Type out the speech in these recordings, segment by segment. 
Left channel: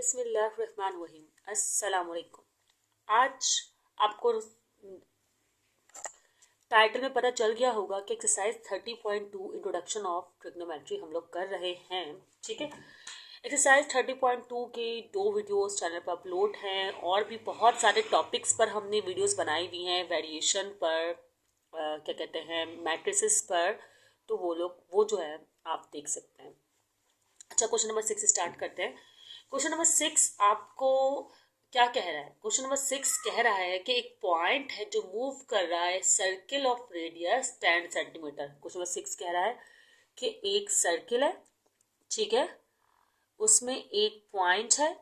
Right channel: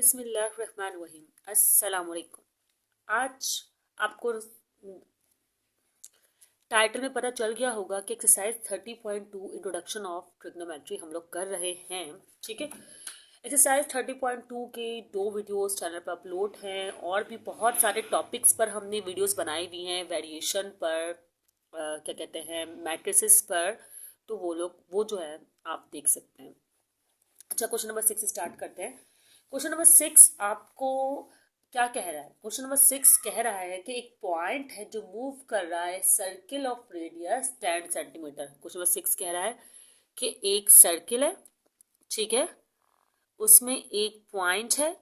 बिस्मिल्लाहिर्रहमानिर्रहीम। अस्सलामुअलैकुम। आज आपको टाइटल में पता चल गया होगा कि एक्सरसाइज 30.2 इंट्रोडक्शन ऑफ ट्रिग्नोमेट्री हम लोग कर रहे हैं। ठीक है, एक्सरसाइज 30.2 के 2 वीडियोस चैनल पर अपलोड हैं और भी बहुत सारे टॉपिक्स पर हमने वीडियोस बनाई हुई हैं, वेरिएशन पर, क्या कहते हैं, मैट्रिसेस पर। तो वो जो है आप देख सकते हैं। अच्छा, क्वेश्चन नंबर 6 स्टार्ट करते हैं। क्वेश्चन नंबर 6 आपको क्या कह रहा है? क्वेश्चन नंबर 6 कह रहा है कि एक पॉइंट है जो मूव कर रहा है circle of radius 10 centimetre. Question number 6 कह रहा है कि एक सर्किल है, ठीक है, उसमें एक पॉइंट है।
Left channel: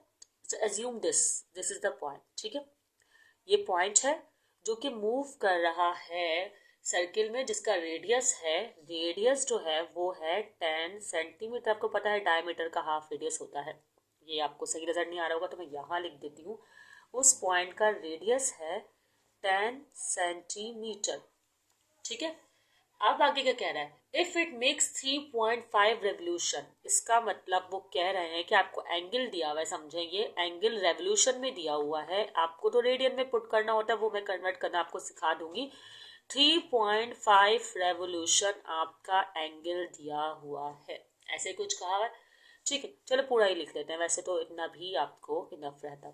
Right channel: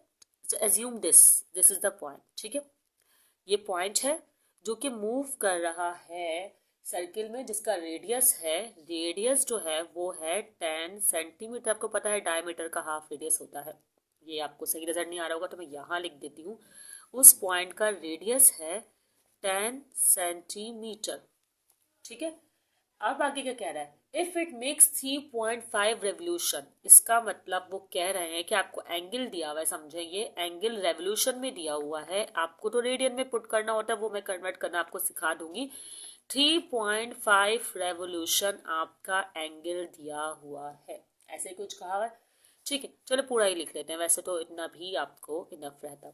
Assume this is the point, ठीक है, ये पॉइंट है जो कि मूव कर रहा है सर्किल में, जिसका रेडियस जो है वो है 10 सेंटीमीटर। आपको पता है डायमीटर का हाफ रेडियस होता है। ये आपको सही नज़र नहीं आ रहा होगा तो मैं यहाँ लिख देती हूँ। उस पॉइंट का रेडियस है 10 सेंटीमीटर, ठीक है। अब आगे क्या कह रहा है? इफ इट मेक्स 3.5 रेवोल्यूशन, इसका मतलब वो कह रहे हैं कि आपको एंगल दिया हुआ है, समझे, ये एंगल रेवोल्यूशन में दिया हुआ है। आपको तो रेडियन में पुट करना होता है, वो मैं कन्वर्ट करना आपको सिखा दूंगी। 3.5 रेवोल्यूशन आपका एंगल दिया हुआ है, ऐसे कुछ कहा हुआ है, ठीक है। चलो पूरा ही लिख लेते हैं, वैसे तो इतना भी आपको इनफ रहता।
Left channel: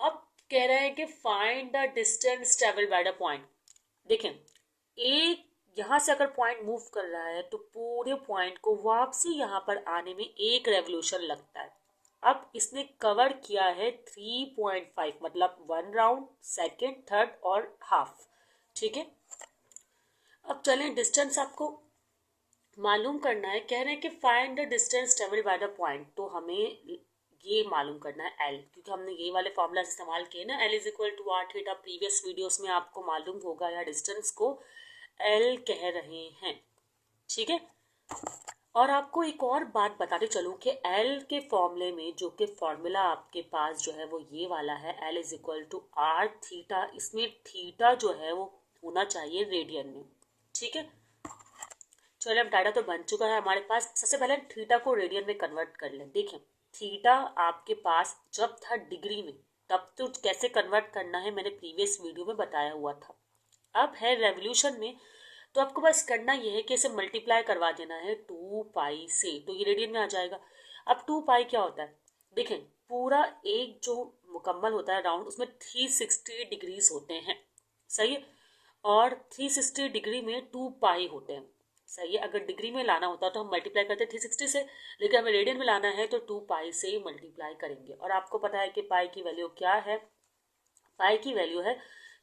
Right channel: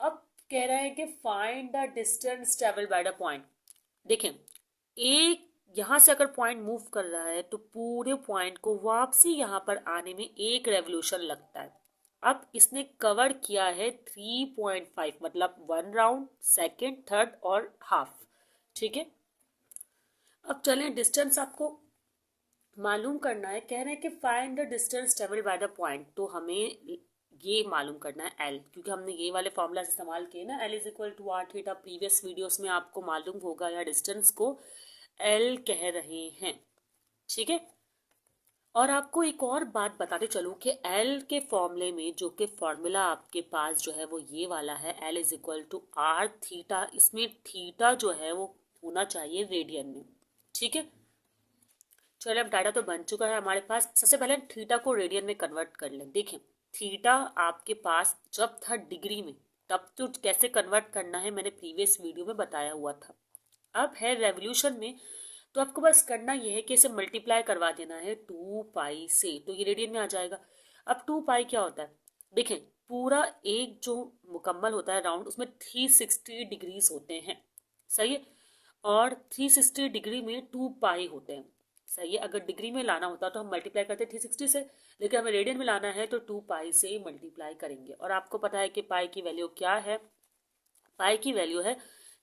अब कह रहे हैं कि find the distance travel by the point. देखें, एक यहाँ से अगर पॉइंट मूव कर रहा है तो पूरे पॉइंट को वापसी यहाँ पर आने में एक रेवोल्यूशन लगता है। अब इसने कवर किया है 3.5, मतलब 1 राउंड, सेकेंड, थर्ड और हाफ, ठीक है। अब चलें, डिस्टेंस आपको मालूम करना है। कह रहे हैं कि find the distance travel by the point, तो हमें ये मालूम करना है एल, क्योंकि हमने ये वाले फॉर्मूला इस्तेमाल किए ना, L is equal to R theta. Previous videos में आपको मालूम होगा, या डिस्टेंस को एल कह रहे हैं, ठीक है। और आपको एक और बात बताते चलूँ कि एल के फॉर्मूले में जो कि फॉर्मूला आपके पास जो है वो ये वाला है, L is equal to R theta. इसमें थीटा जो है वो होना चाहिए रेडियन में, ठीक है। चलो, अब डाटा तो बन चुका है हमारे पास। सबसे पहले थीटा को रेडियन में कन्वर्ट कर लें। देखें, थीटा आपके पास जब था डिग्री में, तब तो कैसे कन्वर्ट करना है मैंने प्रीवियस वीडियो में बताया हुआ था। अब है रेवोल्यूशन में, तो आपको बस करना ये है कि इसे मल्टीप्लाई करवा देना है 2 पाई से, तो ये रेडियन में आ जाएगा। अब 2 पाई क्या होता है? देखें, पूरा एक जो मुकम्मल होता है राउंड, उसमें 360 डिग्रीज होते हैं, सही है। और 360 डिग्री में 2 पाई होते हैं, सही है। अगर डिग्री में लाना होता तो हम मल्टीप्लाई करते 360 से, लेकिन हमें रेडियन में लाना है तो 2 पाई से मल्टीप्लाई करेंगे। और आपको पता है कि पाई की वैल्यू क्या है? पाई की वैल्यू है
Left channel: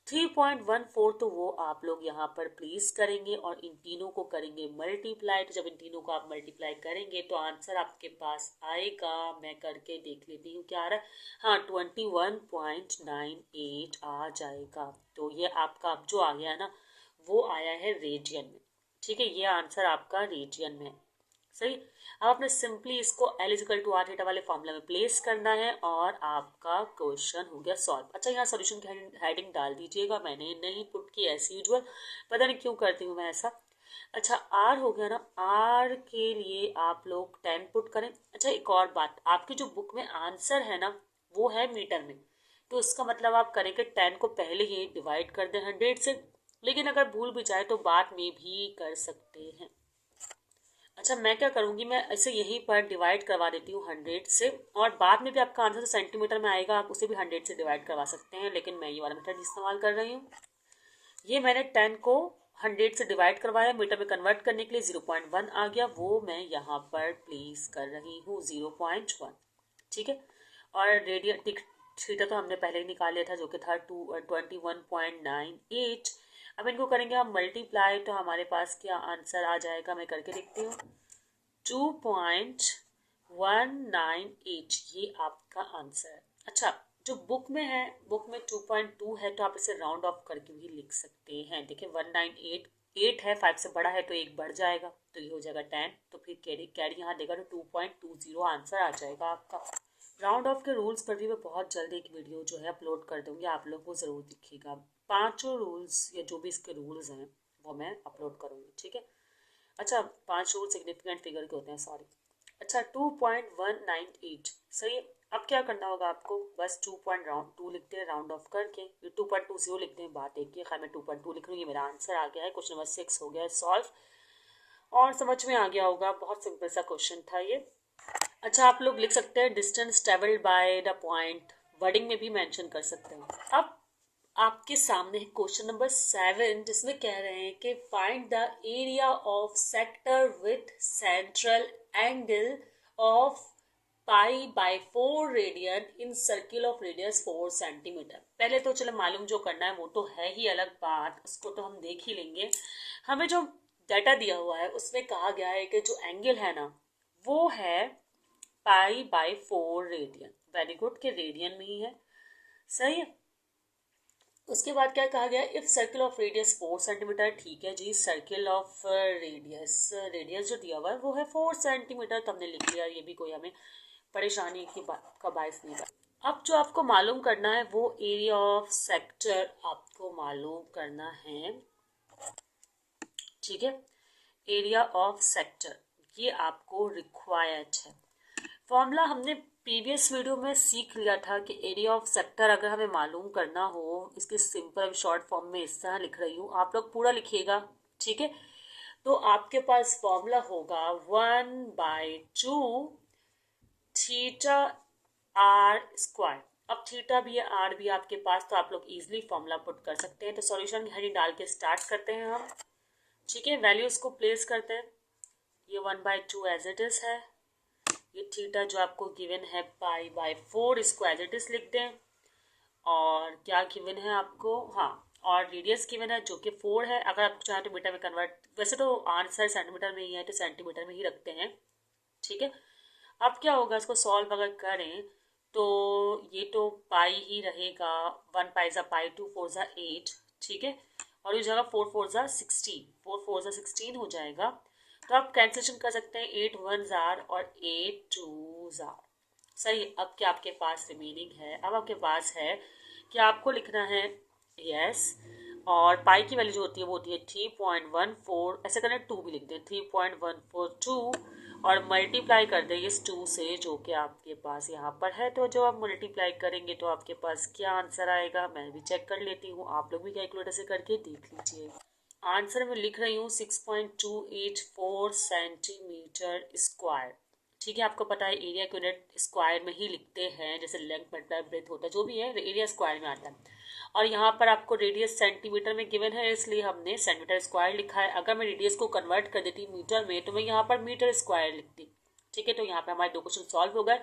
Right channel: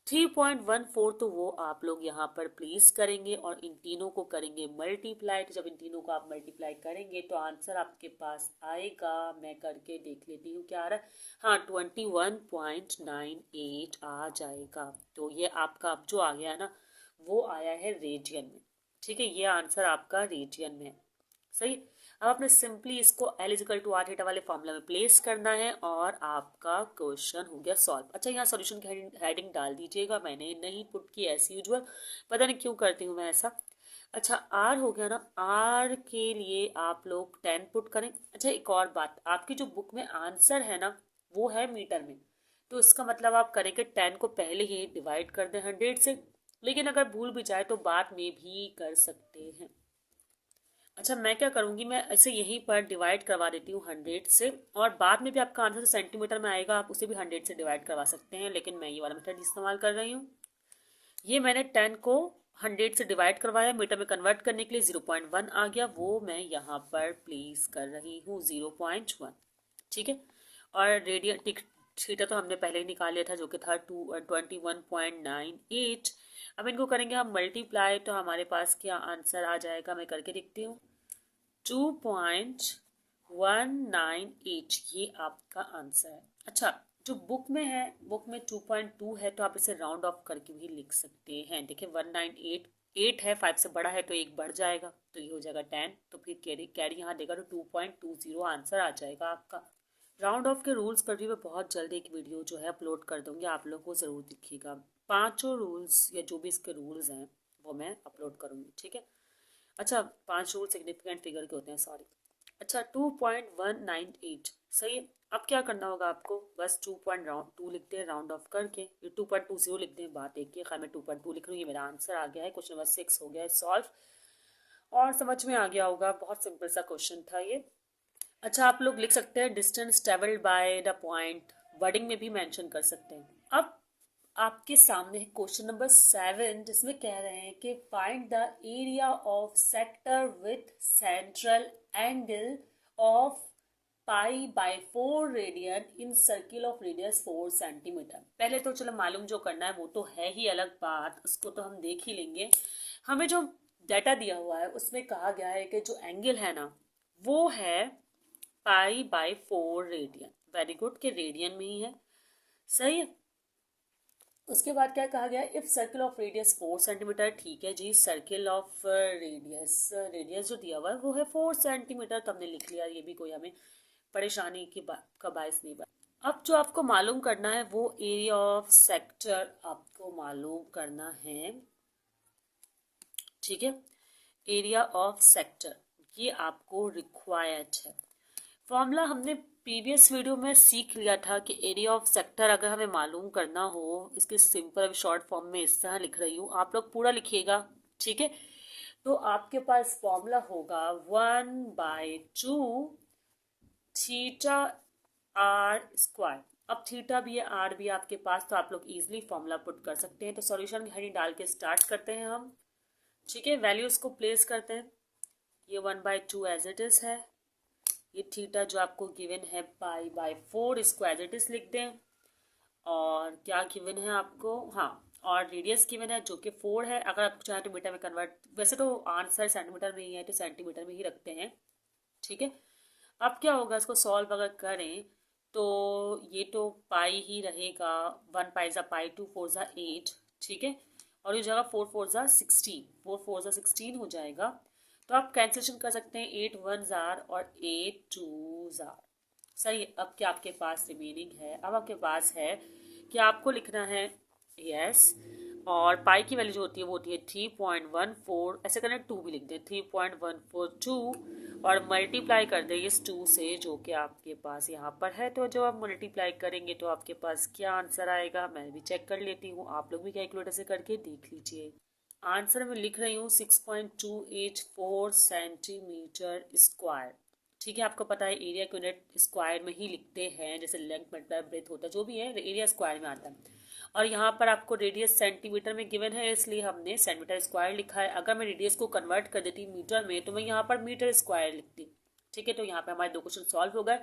3.14। तो वो आप लोग यहाँ पर प्लेस करेंगे और इन तीनों को करेंगे मल्टीप्लाई। तो जब इन तीनों को आप मल्टीप्लाई करेंगे तो आंसर आपके पास आएगा, मैं करके देख लेती हूँ क्या आ रहा है। हाँ, 21.98 आ जाएगा। तो ये आपका अब जो आ गया ना, वो आया है रेडियन में, ठीक है। ये आंसर आपका रेडियन में, सही। अब आपने सिंपली इसको L is equal to R theta वाले फॉर्मूला में प्लेस करना है और आपका क्वेश्चन हो गया सॉल्व। अच्छा, यहाँ सॉल्यूशन की हेडिंग डाल दीजिएगा, मैंने नहीं पुट की एज यूजुअल, पता नहीं क्यों करती हूँ मैं ऐसा। अच्छा, आर हो गया ना, आर के लिए आप लोग 10 पुट करें। अच्छा, एक और बात, आपकी जो बुक में आंसर है ना वो है मीटर में, तो इसका मतलब आप करेंगे 10 को पहले ही डिवाइड कर दें 100 से, लेकिन अगर भूल भी जाए तो बाद में भी कर सकते हैं। अच्छा, मैं क्या करूँगी, मैं इसे यहीं पर डिवाइड करवा देती हूँ 100 से, और बाद में भी आपका आंसर सेंटीमीटर में आएगा, आप उसे भी 100 से डिवाइड करवा सकते हैं, लेकिन मैं ये वाला मेथड इस्तेमाल कर रही हूँ। ये मैंने 10 को 100 से डिवाइड करवाया, मीटर में कन्वर्ट करने के लिए 0.1 आ गया, वो मैं यहाँ पर प्लेस कर रही हूँ 0.1, ठीक है। और रेडियन थीटा तो हमने पहले ही निकाल लिया था, जो कि था 21.98। अब इनको करेंगे हम मल्टीप्लाई, तो हमारे पास क्या आंसर आ जाएगा, मैं करके देखती हूँ। 2.198, ये आपका आंसर है। अच्छा, जो बुक में है, बुक में 2.2 है, तो आप इसे राउंड ऑफ करके भी लिख सकते हैं। देखिए 198 है, 5 से बड़ा है तो एक बढ़ जाएगा, तो ये हो जाएगा 10, तो फिर कैरी यहाँ देगा तो 2.20 आंसर आ जाएगा आपका। राउंड ऑफ के रूल्स पर भी मैं बहुत जल्द एक वीडियो जो है अपलोड कर दूंगी, आप लोगों को ज़रूर दिखेगा। 5 रूल्स या जो भी इसके रूल्स हैं वो मैं अपलोड करूँगी, ठीक है। अच्छा, 5 रूल सिग्निफिकेंट फिगर के होते हैं, सॉरी। अच्छा, 2.198, सही है। अब क्या करना होगा आपको, बस 2.2 लिखते हैं राउंड ऑफ करके, ये 2.20 लिखते हैं, बात एक ही, खैर मैं 2.2 लिख रही हूँ। ये मेरा आंसर आ गया है, क्वेश्चन नंबर 6 हो गया है सॉल्व, और समझ में आ गया होगा, बहुत सिंपल सा क्वेश्चन था ये। अच्छा, आप लोग लिख सकते हैं distance travelled by the point, wording में भी मेंशन कर सकते हैं। अब आपके सामने है क्वेश्चन नंबर 7, जिसमें कह रहे हैं कि find the area of sector with central angle of π/4 radian in circle of radius 4 centimetre. पहले तो चलो मालूम जो करना है वो तो है ही अलग बात, उसको तो हम देख ही लेंगे। हमें जो डाटा दिया हुआ है उसमें कहा गया है कि जो एंगल है ना वो है π/4 रेडियन। वेरी गुड, के रेडियन में ही है, सही है। उसके बाद क्या कहा गया, if circle of radius 4 centimetre, ठीक है जी, सर्किल ऑफ रेडियस जो दिया हुआ है वो है 4 सेंटीमीटर, तो हमने लिख लिया, ये भी कोई हमें परेशानी की बात का बायस नहीं बना। अब जो आपको मालूम करना है वो एरिया ऑफ सेक्टर आपको मालूम करना है, ठीक है, एरिया ऑफ सेक्टर, ये आपको रिक्वायर्ड है। फॉर्मूला हमने प्रीवियस वीडियो में सीख लिया था कि एरिया ऑफ सेक्टर अगर हमें मालूम करना हो, इसके सिंपल शॉर्ट फॉर्म में इस तरह लिख रही हूँ, आप लोग पूरा लिखिएगा, ठीक है। तो आपके पास फॉर्मूला होगा 1/2 थीटा आर स्क्वायर। अब थीटा भी है, आर भी आपके पास, तो आप लोग इजीली फॉर्मूला पुट कर सकते हैं। तो सॉल्यूशन की हेडिंग डाल के स्टार्ट करते हैं हम, ठीक है। वैल्यूज को प्लेस करते हैं, ये 1/2 एज इट इज है, ये थीटा जो आपको गिवन है π/4 इसको एज इट इज लिख दें, और क्या गिवन है आपको, हाँ, और रेडियस गिवन है जो कि 4 है। अगर आप चाहें तो मीटर में कन्वर्ट, वैसे तो आंसर सेंटीमीटर में ही है तो सेंटीमीटर में ही रखते हैं, ठीक है। अब क्या होगा, इसको सॉल्व अगर करें तो ये तो पाई ही रहेगा, 1 पाई ज़ा पाई, 2 4 ज़ा 8, ठीक है, और ये जगह 4 4 ज़ा 16, 4 4 ज़ा 16 हो जाएगा। तो आप कैंसिलेशन कर सकते हैं, 8 1 जार और 8 2 जार, सही। अब क्या आपके पास रिमेनिंग है, अब आपके पास है कि आपको लिखना है यस, और पाई की वैल्यू जो होती है वो होती है 3.14, ऐसे करना 2 भी लिख दें, 3.142, और मल्टीप्लाई कर दें इस 2 से जो कि आपके पास यहाँ पर है। तो जो आप मल्टीप्लाई करेंगे तो आपके पास क्या आंसर आएगा, मैं भी चेक कर लेती हूँ, आप लोग भी कैलकुलेटर से करके देख लीजिए। आंसर में लिख रही हूँ 6.284 सेंटीमीटर स्क्वायर, ठीक है। आपको पता है एरिया को यूनिट स्क्वायर में ही लिखते हैं, जैसे लेंथ मतलब ब्रेथ होता है, जो भी है एरिया स्क्वायर में आता है। और यहाँ पर आपको रेडियस सेंटीमीटर में गिवन है, इसलिए हमने सेंटीमीटर स्क्वायर लिखा है। अगर मैं रेडियस को कन्वर्ट कर देती मीटर में तो मैं यहाँ पर मीटर स्क्वायर लिखती, ठीक है। तो यहाँ पे हमारे 2 क्वेश्चन सॉल्व हो गए।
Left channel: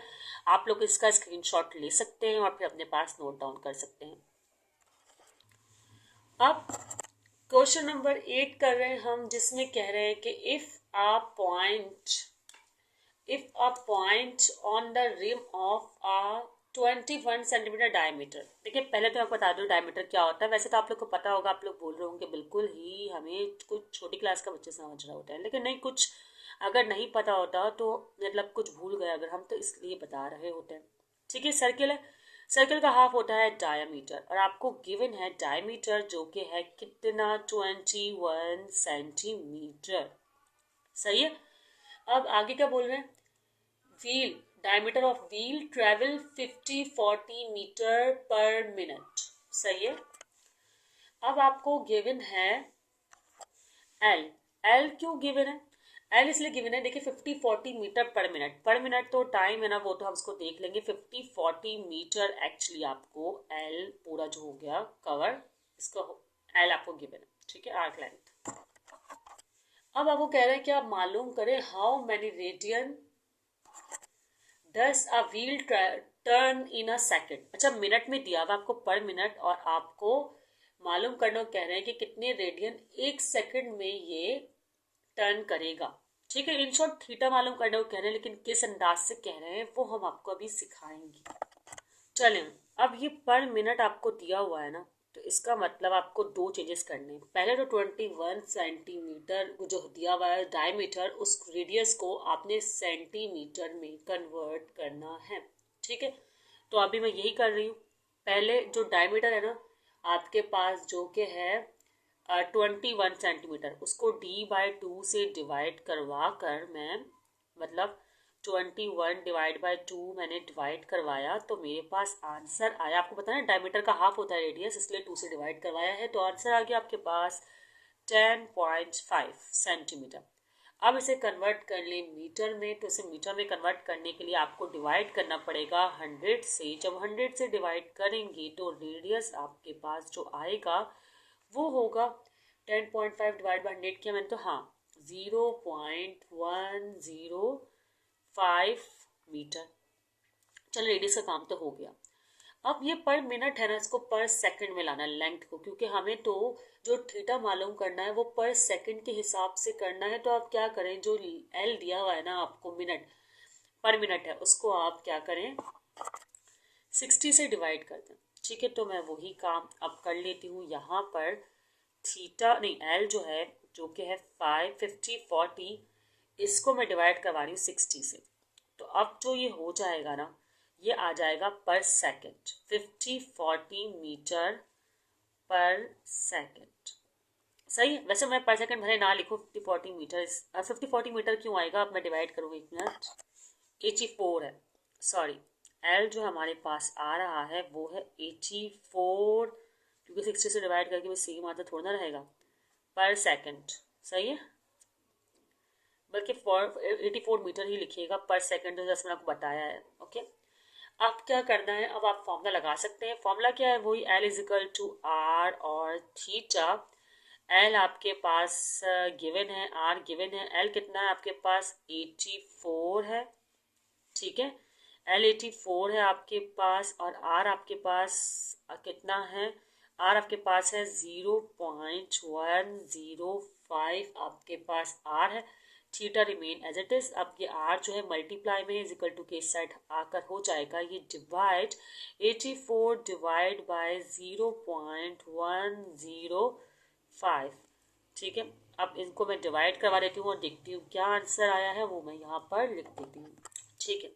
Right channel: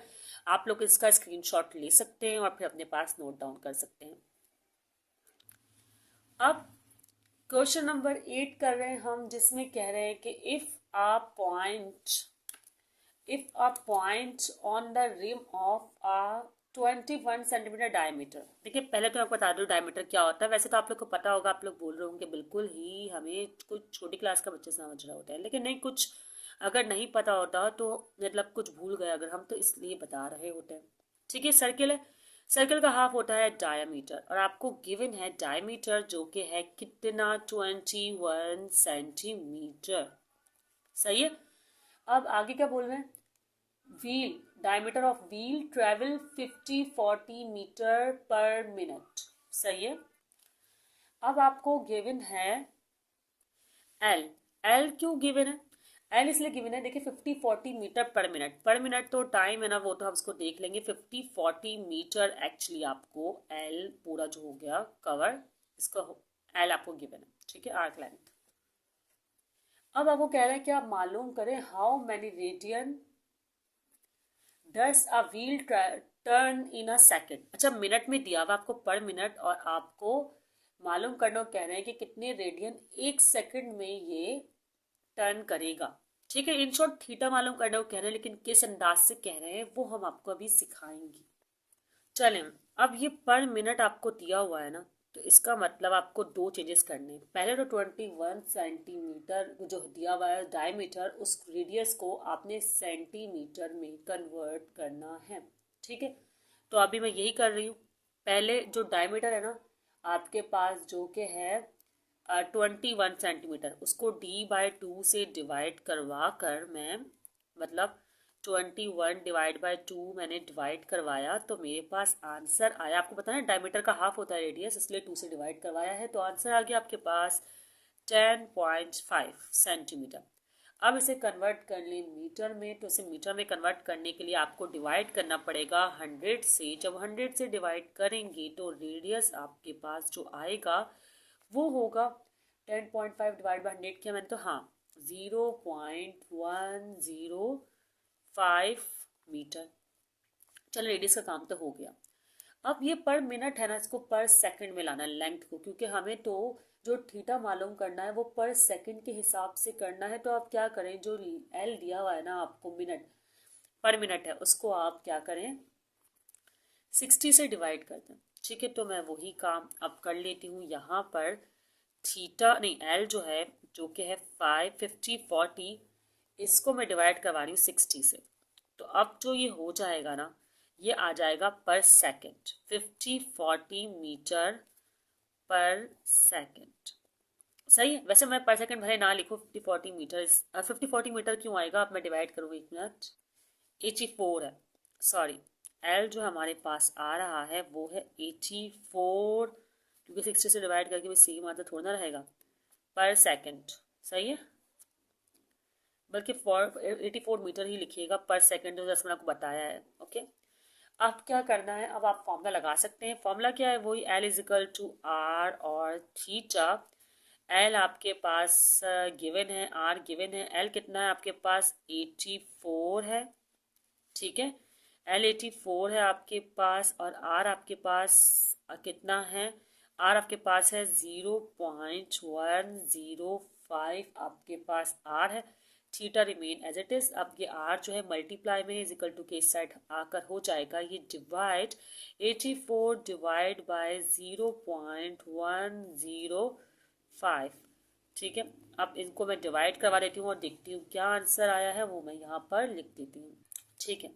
आप लोग इसका स्क्रीनशॉट ले सकते हैं और फिर अपने पास नोट डाउन कर सकते हैं। अब क्वेश्चन नंबर 8 कर रहे हैं हम, जिसमें कह रहे हैं कि if a point on the rim of a 21 centimetre diameter. देखिए पहले तो मैं बता दूँ डायमीटर क्या होता है, वैसे तो आप लोग को पता होगा, आप लोग बोल रहे होंगे बिल्कुल ही हमें कुछ छोटी क्लास का बच्चे समझ रहा होता है, लेकिन नहीं, कुछ अगर नहीं पता होता तो मतलब कुछ भूल गए अगर हम, तो इसलिए बता रहे होते हैं, ठीक है। सर्किल है, सर्किल का हाफ होता है डायमीटर, और आपको गिवन है डायमीटर जो कि है कितना, 21 सेंटीमीटर, सही है। अब आगे क्या बोल रहे हैं, wheel, diameter of wheel travel 50-40 metre per minute, सही है। अब आपको गिवन है एल, एल क्यों गिवन है, एल इसलिए गिवन है, देखिए 50-40 मीटर पर मिनट तो टाइम है ना, वो तो हम उसको देख लेंगे। 50-40 मीटर एक्चुअली आपको एल पूरा जो हो गया कवर, इसका एल आपको गिवन है, ठीक है, आर्क लेंथ। अब आपको कह रहे हैं कि आप मालूम करें how many radian does a wheel turn in a second. अच्छा, मिनट में दिया हुआ आपको पर मिनट, और आपको मालूम करना कह रहे हैं कि कितने रेडियन 1 सेकंड में ये टर्न करेगा, ठीक है। इन शॉर्ट थीटा मालूम करने को कह रहे हैं, लेकिन किस अंदाज से कह रहे हैं वो हम आपको अभी सिखाएंगे। चलें, अब ये पर मिनट आपको दिया हुआ है ना, तो इसका मतलब आपको 2 चेंजेस करने हैं। पहले तो 21 सेंटीमीटर जो दिया हुआ है डायमीटर, उस रेडियस को आपने सेंटीमीटर में कन्वर्ट करना है, ठीक है। तो अभी मैं यही कर रही हूँ। पहले जो डायमीटर है ना आपके पास जो कि है 21 सेंटीमीटर, उसको D/2 से डिवाइड करवा कर मैं मतलब 21 डिवाइड बाय 2 मैंने डिवाइड करवाया तो मेरे पास आंसर आया, आपको पता है डायमीटर का हाफ होता है रेडियस, इसलिए 2 से डिवाइड करवाया है तो आंसर आ गया आपके पास 10.5 सेंटीमीटर। अब इसे कन्वर्ट कर लें मीटर में, तो इसे मीटर में कन्वर्ट करने के लिए आपको डिवाइड करना पड़ेगा 100 से। जब 100 से डिवाइड करेंगे तो रेडियस आपके पास जो आएगा वो होगा 10.5 डिवाइड बाई 100 किया मैंने तो हाँ 0.105 मीटर। चलो रेडियस का काम तो हो गया। अब ये पर मिनट है ना, इसको पर सेकंड में लाना लेंथ को, क्योंकि हमें तो जो थीटा मालूम करना है वो पर सेकंड के हिसाब से करना है। तो आप क्या करें, जो एल दिया हुआ है ना आपको मिनट पर मिनट है, उसको आप क्या करें 60 से डिवाइड कर दें। ठीक है, तो मैं वही काम अब कर लेती हूँ। यहाँ पर थीटा नहीं एल जो है जो कि है 50 इसको मैं डिवाइड करवा रही हूँ 60 से। तो अब जो ये हो जाएगा ना, ये आ जाएगा पर सेकंड 50-40 मीटर पर सेकंड। सही है, वैसे मैं पर सेकंड भले ना लिखूँ 50-40 मीटर। 50-40 मीटर क्यों आएगा, अब मैं डिवाइड करूँगी 1 मिनट। 84 है, सॉरी एल जो हमारे पास आ रहा है वो है 84, क्योंकि 60 से डिवाइड करके भी सेम आता थोड़ा ना रहेगा पर सेकंड। सही है, बल्कि 84 मीटर ही लिखिएगा पर सेकंड, जो जैसे मैंने आपको बताया है। ओके, अब क्या करना है, अब आप फॉर्मूला लगा सकते हैं। फॉर्मूला क्या है, वही L is equal to R और थीटा। एल आपके पास गिवन है, आर गिवन है। एल कितना है आपके पास 84 है, ठीक है, एल 84 है आपके पास, और आर आपके पास कितना है, आर आपके पास है 0.105 आपके पास आर है। Theta remain as it is. अब ये आर जो है मल्टीप्लाई में इज इक्वल टू के साइड आकर हो जाएगा ये डिवाइड 84 डिवाइड बाय 0.105। ठीक है, अब इनको मैं डिवाइड करवा देती हूँ और देखती हूँ क्या आंसर आया है, वो मैं यहाँ पर लिख देती हूँ। ठीक है,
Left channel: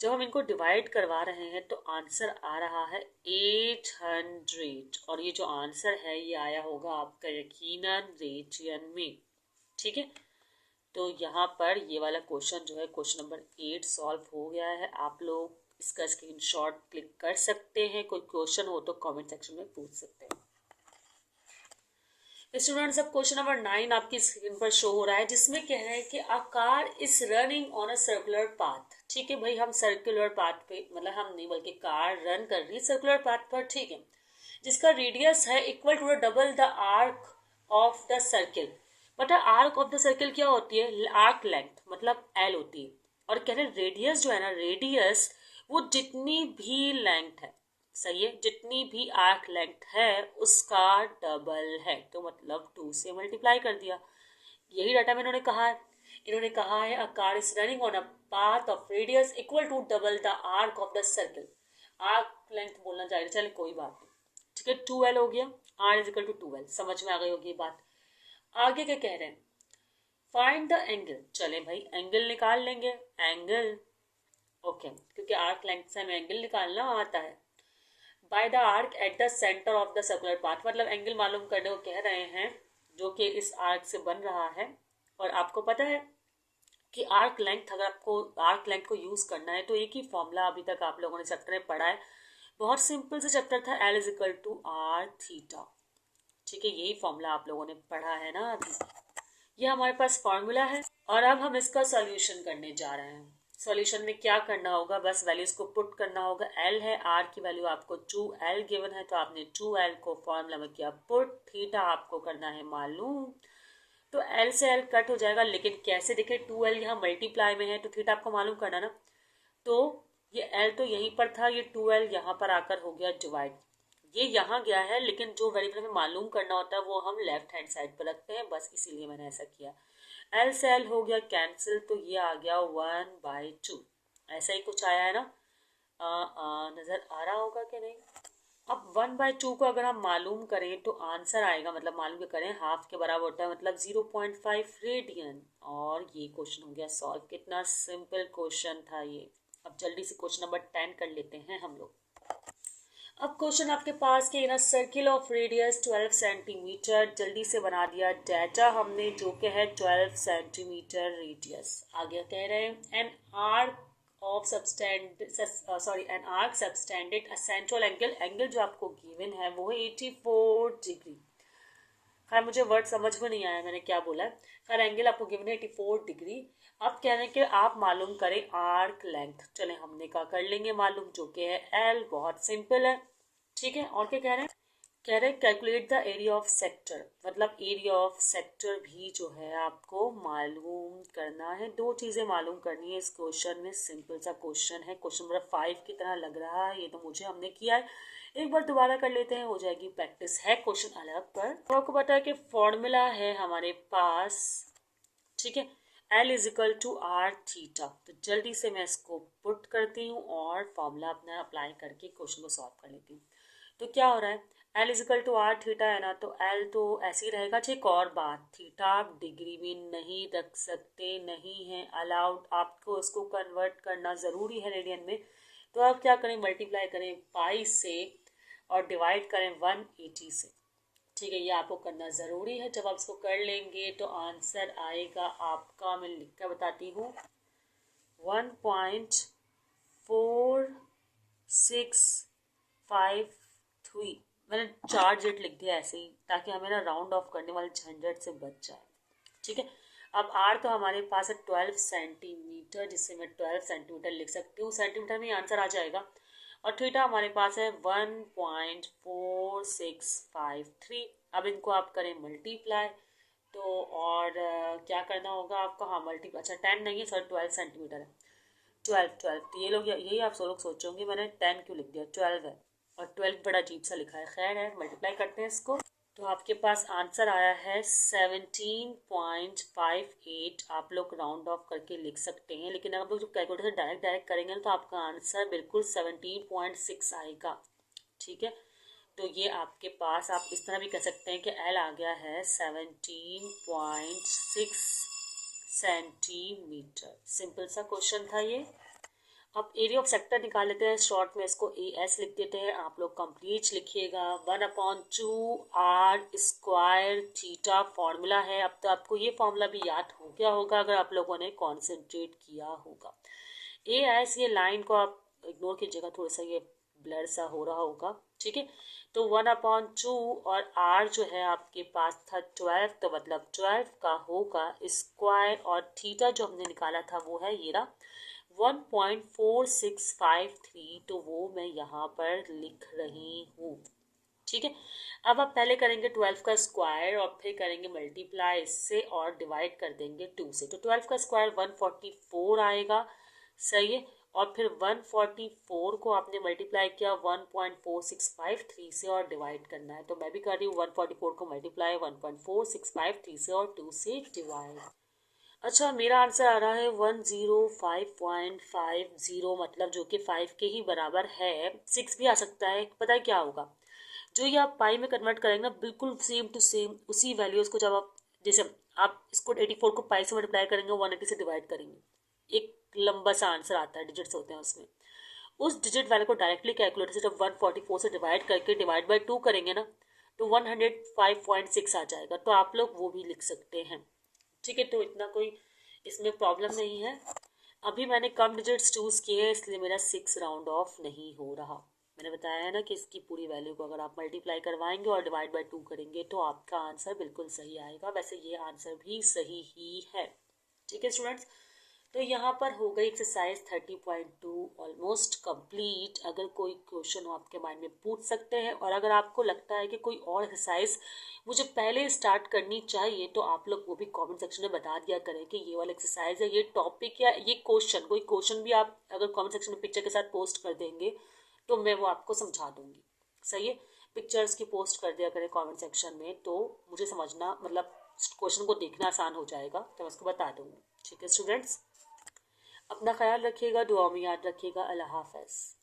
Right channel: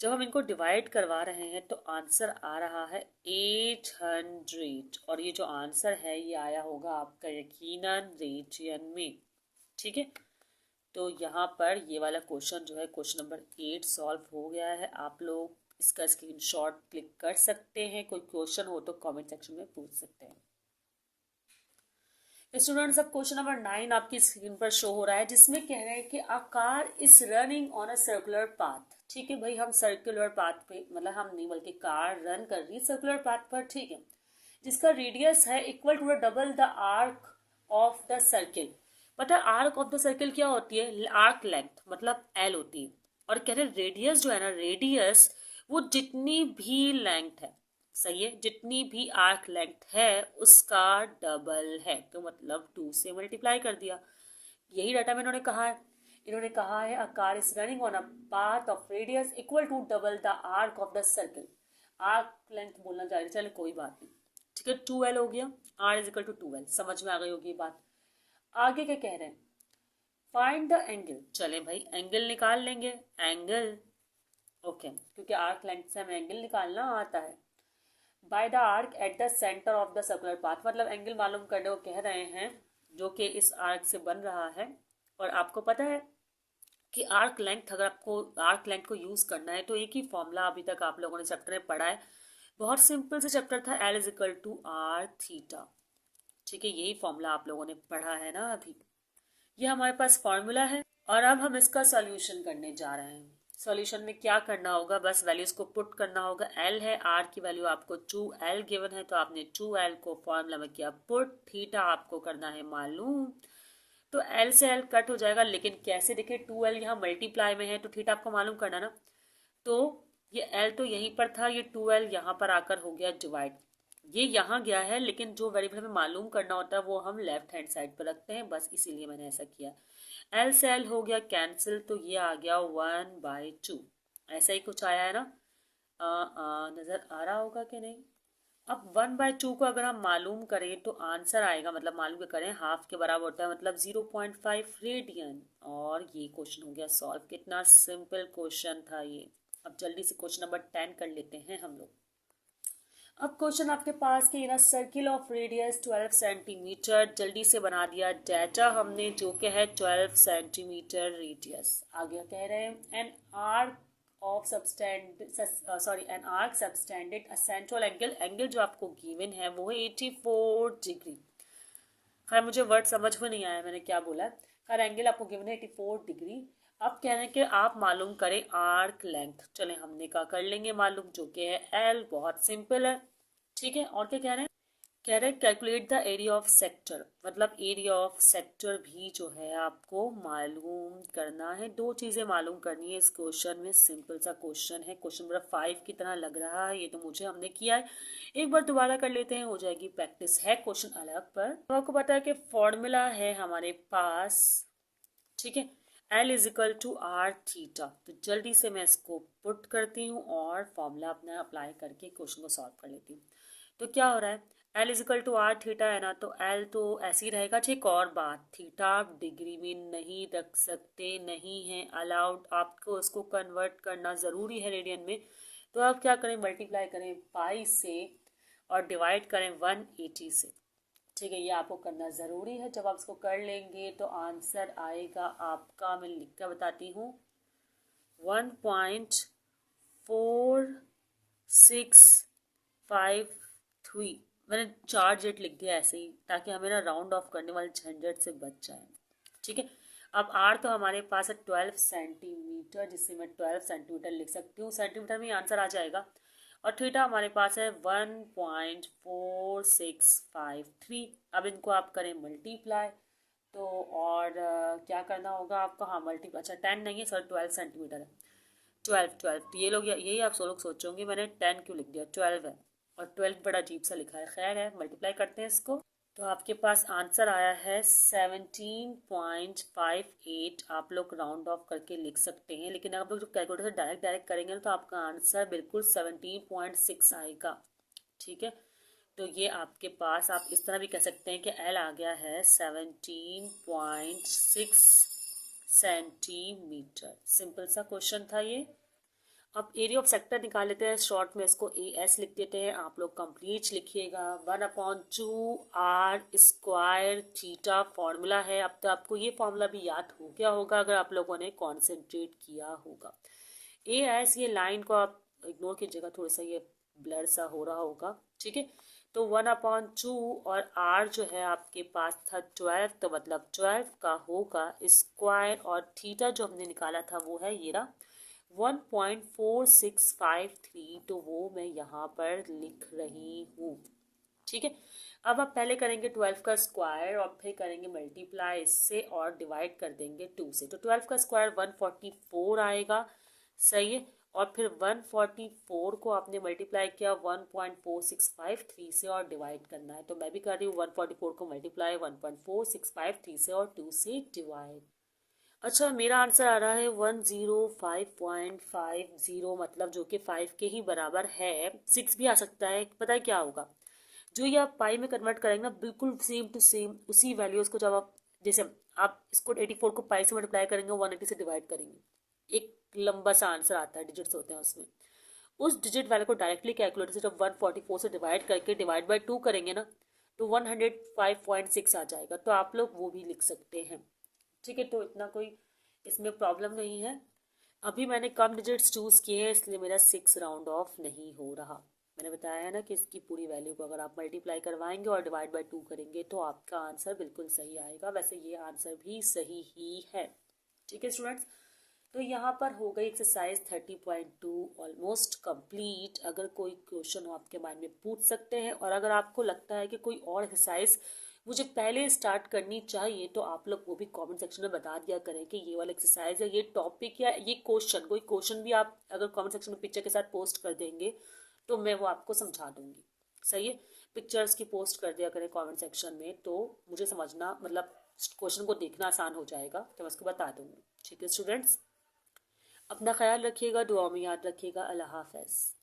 जब हम इनको डिवाइड करवा रहे हैं तो आंसर आ रहा है 800, और ये जो आंसर है ये आया होगा आपका यकीनन रेडियन में। ठीक है, तो यहाँ पर ये वाला क्वेश्चन जो है क्वेश्चन नंबर 8 सॉल्व हो गया है। आप लोग इसका स्क्रीनशॉट क्लिक कर सकते हैं, कोई क्वेश्चन हो तो कमेंट सेक्शन में पूछ सकते हैं। स्टूडेंट्स, अब क्वेश्चन नंबर 9 आपकी स्क्रीन पर शो हो रहा है, जिसमें कह रहे हैं कि अ car is running on a circular path. ठीक है भाई, हम सर्कुलर पाथ पे, मतलब हम नहीं बल्कि कार रन कर रही है सर्कुलर पाथ पर। ठीक है, जिसका रेडियस है equal to double the arc of the circle. पता है आर्क ऑफ द सर्किल क्या होती है, आर्क लेंथ मतलब एल होती है। और कह रहे रेडियस जो है ना, रेडियस वो जितनी भी लेंथ है, सही है, जितनी भी आर्क लेंथ है उसका डबल है, तो मतलब 2 से मल्टीप्लाई कर दिया। यही डाटा में इन्होंने कहा है। इन्होंने कहा है a car is running on a path of radius equal to double the arc of the circle. Arc length बोलना चाहिए, चले कोई बात नहीं। ठीक है, 2L हो गया, R is equal to 2L, समझ में आ गई होगी ये बात। आगे क्या कह रहे हैं, फाइंड द एंगल। चले भाई एंगल निकाल लेंगे, एंगल ओके, क्योंकि आर्क लेंथ से हमें एंगल निकालना आता है। By the arc at the centre of the circular path, मतलब एंगल मालूम करने को कह रहे हैं जो कि इस आर्क से बन रहा है। और आपको पता है कि आर्क लेंथ, अगर आपको आर्क लेंथ को यूज़ करना है तो एक ही फॉर्मूला अभी तक आप लोगों ने चैप्टर में पढ़ा है, बहुत सिंपल से चैप्टर था, L is equal to R theta. ठीक है, यही फॉर्मूला आप लोगों ने पढ़ा है ना अभी, ये हमारे पास फॉर्मूला है। और अब हम इसका सॉल्यूशन करने जा रहे हैं। सॉल्यूशन में क्या करना होगा, बस वैल्यूज को पुट करना होगा। एल है, आर की वैल्यू आपको 2L गिवन है, तो आपने 2L को फॉर्मूला में किया पुट, थीटा आपको करना है मालूम, तो L से L कट हो जाएगा। लेकिन कैसे देखें, 2L यहाँ मल्टीप्लाई में है तो थीटा आपको मालूम करना ना, तो ये L तो यहीं पर था, ये 2L यहाँ पर आकर हो गया डिवाइड। ये यहाँ गया है, लेकिन जो वेरिएबल हमें मालूम करना होता है वो हम लेफ्ट हैंड साइड पर रखते हैं, बस इसीलिए मैंने ऐसा किया। एल से एल हो गया कैंसिल, तो ये आ गया 1/2, ऐसा ही कुछ आया है ना, नज़र आ रहा होगा कि नहीं। अब 1/2 को अगर हम मालूम करें तो आंसर आएगा, मतलब मालूम करें हाफ के बराबर होता है, मतलब 0.5 रेडियन। और ये क्वेश्चन हो गया सॉल्व। कितना सिंपल क्वेश्चन था ये। अब जल्दी से क्वेश्चन नंबर 10 कर लेते हैं हम लोग। अब क्वेश्चन आपके पास कि in a circle of radius 12 centimetre, जल्दी से बना दिया डाटा हमने जो कि है 12 सेंटीमीटर रेडियस। आगे कह रहे हैं an arc of an arc subtended a central angle, angle जो आपको गिवन है वो है 84 डिग्री। खैर मुझे वर्ड समझ में नहीं आया मैंने क्या बोला है। खैर एंगल आपको गिवन है 84 डिग्री। अब कह रहे हैं कि आप मालूम करें आर्क लेंथ। चले हमने क्या कर लेंगे मालूम, जो कि है एल। बहुत सिंपल है, ठीक है। और क्या कह रहे हैं, कह रहे हैं calculate the area of sector, मतलब एरिया ऑफ सेक्टर भी जो है आपको मालूम करना है। दो चीज़ें मालूम करनी है इस क्वेश्चन में। सिंपल सा क्वेश्चन है, क्वेश्चन नंबर 5 की तरह लग रहा है, ये तो मुझे हमने किया है। एक बार दोबारा कर लेते हैं, हो जाएगी प्रैक्टिस। है क्वेश्चन अलग पर, तो आपको पता है कि फॉर्मूला है हमारे पास, ठीक है, L is equal to R theta. तो जल्दी से मैं इसको पुट करती हूँ और फॉर्मूला अपना अप्लाई करके क्वेश्चन को सॉल्व कर लेती हूँ। तो क्या हो रहा है, L is equal to R theta है ना, तो एल तो ऐसे ही रहेगा। ठीक, और बात, थीटा आप डिग्री में नहीं रख सकते, नहीं है अलाउड, आपको इसको कन्वर्ट करना ज़रूरी है रेडियन में। तो आप क्या करें, मल्टीप्लाई करें पाई से और डिवाइड करें 180 से। ठीक है, ये आपको करना ज़रूरी है। जब आप इसको कर लेंगे तो आंसर आएगा आपका, मैं लिख कर बताती हूँ, 1.4653। मैंने 4 डिजिट लिख दिया ऐसे ही, ताकि हमें ना राउंड ऑफ करने वाले झंझट से बच जाए। ठीक है, अब आर तो हमारे पास है 12 सेंटीमीटर, जिससे मैं 12 सेंटीमीटर लिख सकती हूँ, सेंटीमीटर में आंसर आ जाएगा। और थीटा हमारे पास है 1.4653। अब इनको आप करें मल्टीप्लाई, तो और क्या करना होगा आपको, हाँ मल्टीप्लाई, अच्छा 10 नहीं है सॉरी, 12 सेंटीमीटर है। 12 तो ये लोग, यही आप लोग सोचोगे मैंने 10 क्यों लिख दिया, 12 है। और 12 बड़ा अजीब सा लिखा है, खैर है, मल्टीप्लाई करते हैं इसको। तो आपके पास आंसर आया है 17.58। आप लोग राउंड ऑफ करके लिख सकते हैं, लेकिन आप लोग जो कैलकुलेटर से डायरेक्ट करेंगे ना, तो आपका आंसर बिल्कुल 17.6 आएगा। ठीक है, तो ये आपके पास, आप इस तरह भी कह सकते हैं कि एल आ गया है 17.6 सेंटीमीटर। सिंपल सा क्वेश्चन था ये। अब एरिया ऑफ सेक्टर निकाल लेते हैं, शॉर्ट में इसको ए एस लिख देते हैं। आप लोग कंप्लीट लिखिएगा, 1/2 R² थीटा फॉर्मूला है। अब तो आपको ये फॉर्मूला भी याद हो गया होगा अगर आप लोगों ने कॉन्सेंट्रेट किया होगा। ए एस, ये लाइन को आप इग्नोर कीजिएगा, थोड़ा सा ये ब्लर सा हो रहा होगा। ठीक है, तो 1/2 और आर जो है आपके पास था 12, तो मतलब 12 का होगा स्क्वायर, और थीटा जो हमने निकाला था वो है ये रहा 1.4653, तो वो मैं यहाँ पर लिख रही हूँ। ठीक है, अब आप पहले करेंगे 12 का स्क्वायर और फिर करेंगे मल्टीप्लाई इससे और डिवाइड कर देंगे 2 से। तो 12 का स्क्वायर 144 आएगा, सही है। और फिर 144 को आपने मल्टीप्लाई किया 1.4653 से और डिवाइड करना है। तो मैं भी कर रही हूँ 144 को मल्टीप्लाई 1.4653 से और 2 से डिवाइड। अच्छा, मेरा आंसर आ रहा है 105.50, मतलब जो कि 5 के ही बराबर है। 6 भी आ सकता है, पता है क्या होगा, जो ये आप पाई में कन्वर्ट करेंगे ना, बिल्कुल सेम टू सेम उसी वैल्यूज़ को, जब आप जैसे आप इसको 84 को पाई से मल्टीप्लाई करेंगे, 180 से डिवाइड करेंगे, एक लंबा सा आंसर आता है, डिजिट्स होते हैं उसमें। उस डिजिट वैल्यू को डायरेक्टली कैलकुलेटर से जब 144 से डिवाइड करके डिवाइड बाई 2 करेंगे ना, तो 105.6 आ जाएगा। तो आप लोग वो भी लिख सकते हैं। ठीक है, तो इतना कोई इसमें प्रॉब्लम नहीं है। अभी मैंने कम डिजिट्स चूज़ किए हैं, इसलिए मेरा 6 राउंड ऑफ नहीं हो रहा। मैंने बताया है ना कि इसकी पूरी वैल्यू को अगर आप मल्टीप्लाई करवाएंगे और डिवाइड बाय 2 करेंगे तो आपका आंसर बिल्कुल सही आएगा। वैसे ये आंसर भी सही ही है। ठीक है स्टूडेंट्स, तो यहाँ पर हो गई एक्सरसाइज 30.2 ऑलमोस्ट कंप्लीट। अगर कोई क्वेश्चन हो आपके माइंड में पूछ सकते हैं, और अगर आपको लगता है कि कोई और एक्सरसाइज मुझे पहले स्टार्ट करनी चाहिए तो आप लोग वो भी कमेंट सेक्शन में बता दिया करें कि ये वाला एक्सरसाइज है, ये टॉपिक या ये क्वेश्चन, कोई क्वेश्चन भी आप अगर कमेंट सेक्शन में पिक्चर के साथ पोस्ट कर देंगे तो मैं वो आपको समझा दूंगी। सही है, पिक्चर्स की पोस्ट कर दिया करें कमेंट सेक्शन में, तो मुझे समझना, मतलब क्वेश्चन को देखना आसान हो जाएगा, तो मैं उसको बता दूंगी। ठीक है स्टूडेंट्स, अपना ख्याल रखिएगा, दुआ में याद रखिएगा। अल्लाह हाफ़िज़।